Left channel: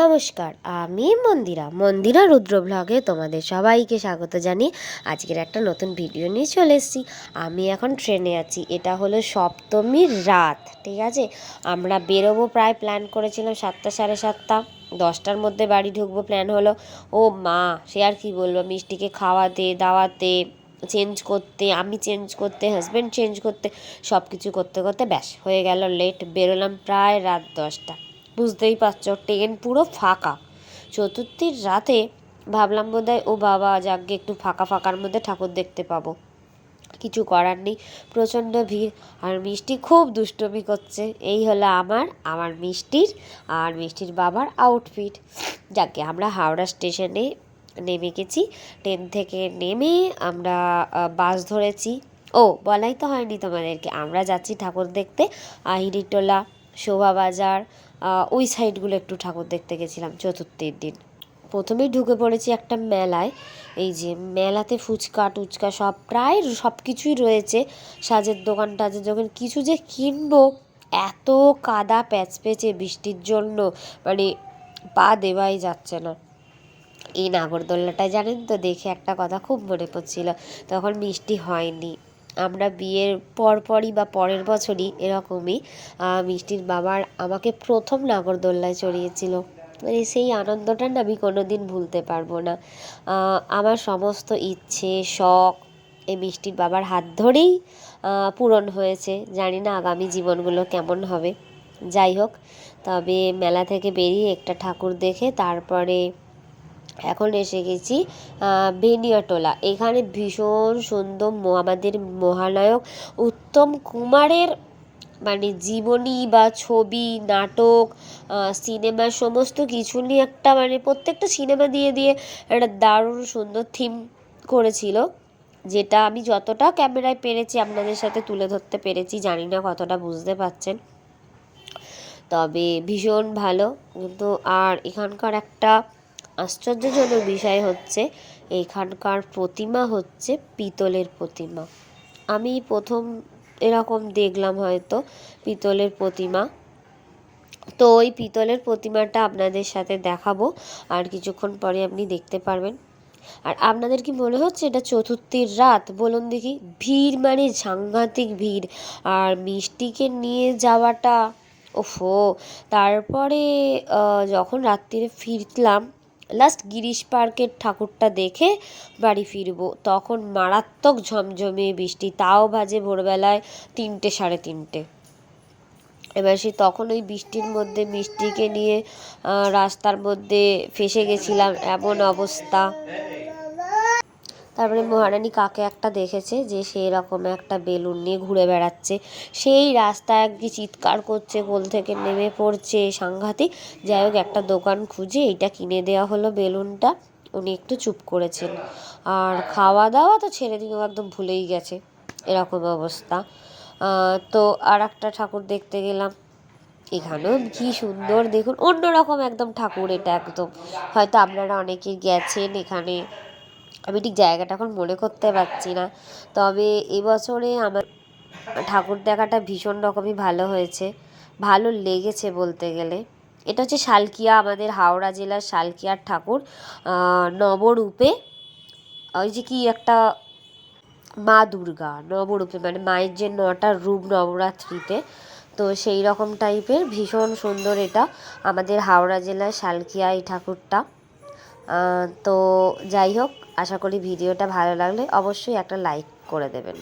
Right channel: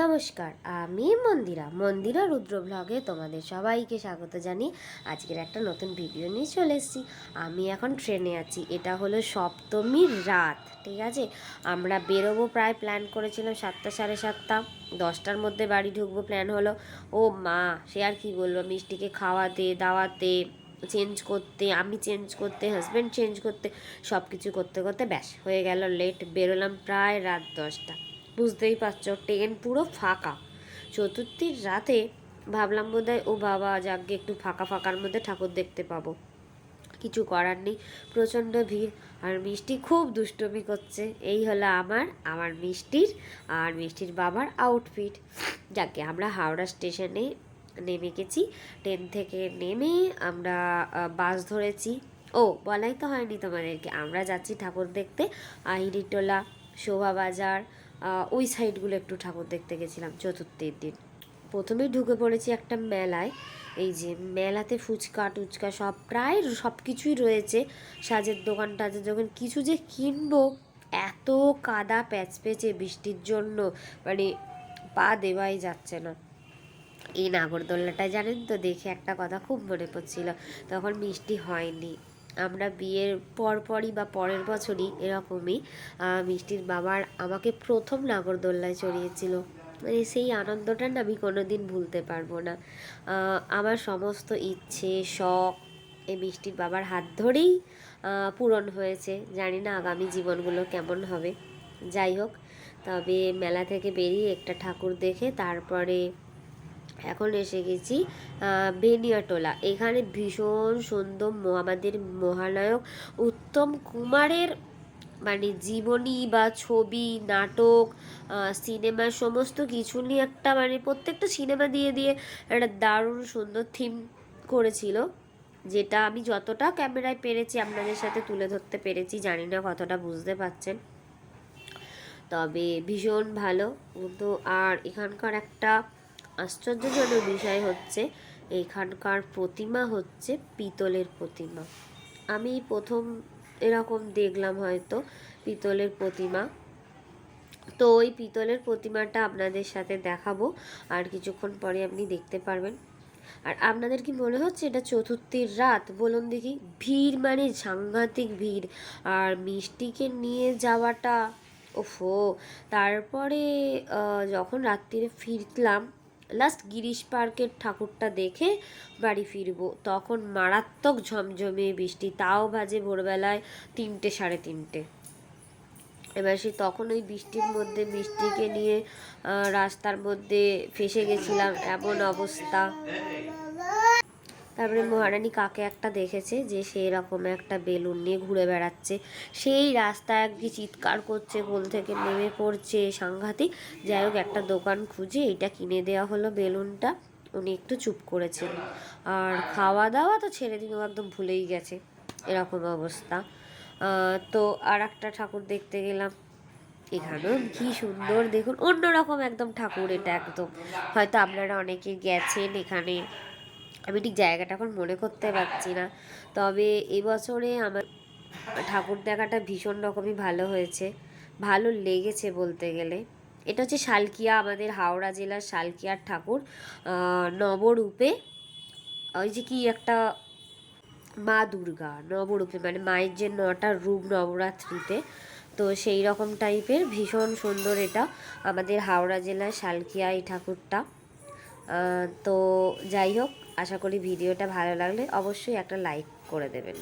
নমস্কার, আমি মন্দিরা রুদ্র ব্লগে তোমাদের সবাইকে স্বাগত জানিয়ে আজকের একটা নতুন ভিডিও নিয়ে চলে এসেছি। আমি এখন ট্রেনে আছি, এটা হলো সপ্তমীর রাত, ঠিক আছে। আমরা বেরোবো, প্রায় প্ল্যান করেছিলাম 7টা সাড়ে 7টা, 10টার মধ্যে বাড়ি ঢুকবো প্ল্যান হলো। ও মা, সে আর কি বলবো, মিষ্টিকে খাওয়াতে দাওয়াতে, চেঞ্জ করতে, আমি চেঞ্জ করতে, হাজব্যান্ড চেঞ্জ করতে, সব কিছু করতে করতে ব্যাস হয়ে গেল লেট। বেরোলাম প্রায় রাত 10টা। বুঝতেই পারছো, ট্রেন পুরো ফাঁকা। চতুর্থীর রাতে ভাবলাম বোধহয় ও বাবা যাকগে একটু ফাঁকা ফাঁকার মধ্যে ঠাকুর দেখতে পাবো, কিছু করার নেই, প্রচণ্ড ভিড়। আর মিষ্টি খুব দুষ্টুমি করছে। এই হলো আমার মিষ্টির আর মিষ্টির বাবার আউটফিট। যাকে আমরা হাওড়া স্টেশনে নেমে গেছি। ট্রেন থেকে নেমে আমরা বাস ধরেছি। ও বলাই তো হয়নি তোমাদেরকে, আমরা যাচ্ছি ঠাকুর দেখতে আহিরিটোলা, শোভাবাজার, ওই সাইডগুলো একটু ঠাকুর দেখতে গেছিলাম চতুর্থীর দিন। প্রথমেই ঢুকে পড়েছি একটা মেলায়। এই যে মেলাতে ফুচকা টুচকা সব প্রায় সব কিছুই রয়েছে, সাজের দোকান টাজের দোকান। কিছু যে কিনবো, এত কাদা প্যাচপেচে বৃষ্টির জন্য মানে পা দেওয়াই যাচ্ছে না। এই নাগরদোল্লাটায় জানেন তো, দেখে একটা কথা খুব মনে পড়ছিল, তখন মিষ্টি হয়নি। আমরা বিয়ের পরপরই বা পরের বছরই এরকমই মিষ্টির বাবার আমাকে প্রথম নাগরদোল্লায় চড়িয়েছিল। মানে সেই আনন্দটা না আমি কোনো দিন ভুলতে পারবো না। আমার সমস্ত ইচ্ছে শখ এই মিষ্টির বাবার হাত ধরেই পূরণ হয়েছে। জানি না আগামী জীবনগুলো কেমন হবে। যাই হোক, তবে মেলা থেকে বেরিয়ে একটা ঠাকুর দেখে তারপরে এখন এসে গেছি বেনিয়াটোলা। এখানে ভীষণ সুন্দর আমাদের মহানায়ক উত্তম কুমারের মানে জীবনী বা ছবি, নাটক, সিনেমা সমস্ত কিছু নিয়ে একটা মানে প্রত্যেকটা সিনেমা দিয়ে দিয়ে একটা দারুণ সুন্দর থিম করেছিল, যেটা আমি যতটা ক্যামেরায় পেরেছি আপনাদের সাথে তুলে ধরতে পেরেছি। জানি না কতটা বুঝতে পারছেন, তবে ভীষণ ভালো। কিন্তু আর এখানকার একটা আশ্চর্যজনক বিষয় হচ্ছে, এখানকার প্রতিমা হচ্ছে পিতলের প্রতিমা। আমি প্রথম এরকম দেখলাম হয়তো পিতলের প্রতিমা। তো ওই পিতলের প্রতিমাটা আপনাদের সাথে দেখাবো, আর কিছুক্ষণ পরে আপনি দেখতে পারবেন। আর আপনাদের কি মনে হচ্ছে এটা চতুর্থীর রাত? বলুন দেখি। ভিড় মানে সাংঘাতিক ভিড়। আর মিষ্টিকে নিয়ে যাওয়াটা, ওফো। তারপরে যখন রাত্রিরে ফিরলাম, লাস্ট গিরিশ পার্কের ঠাকুরটা দেখে বাড়ি ফিরবো, তখন মারাত্মক ঝমঝমে বৃষ্টি, তাও বাজে ভোরবেলায় 3টে সাড়ে 3টে। এবার তখন ওই বৃষ্টির মধ্যে মিষ্টিকে নিয়ে রাস্তার মধ্যে ফেসে গেছিলাম, এমন অবস্থা। তারপরে মহারানী কাকে একটা দেখেছে যে সেই রকম একটা বেলুন নিয়ে ঘুরে বেড়াচ্ছে, সেই রাস্তায় একদিন চিৎকার করছে, কোল থেকে নেমে পড়ছে, সাংঘাতিক। যাই হোক, একটা দোকান খুঁজে এইটা কিনে দেওয়া হলো বেলুনটা। উনি একটু চুপ করেছেন। আর খাওয়া দাওয়া তো ছেড়ে দিন, একদম ভুলেই গেছে, এরকম অবস্থা। তো আর একটা ঠাকুর দেখতে গেলাম। এখানেও কি সুন্দর দেখুন, অন্যরকম একদম ঠাকুর এটা একদম। হয়তো আপনারা অনেকে গেছেন এখানে, আমি ঠিক জায়গাটা এখন মনে করতে পারছি না। তবে এবছরে আমার ঠাকুর দেখাটা ভীষণ রকমই ভালো হয়েছে, ভালো লেগেছে বলতে গেলে। এটা হচ্ছে শালকিয়া, আমাদের হাওড়া জেলার শালকিয়ার ঠাকুর, নবরূপে। ওই যে কি একটা মা দুর্গা নবরূপে, মানে মায়ের যে 9টা রূপ নবরাত্রিতে, তো সেই রকম টাইপের ভীষণ সুন্দর। এটা আমাদের হাওড়া জেলার শালকিয়া এই ঠাকুরটা। তো যাই হোক, আশা করি ভিডিওটা ভালো লাগলে অবশ্যই একটা লাইক করে দেবেন।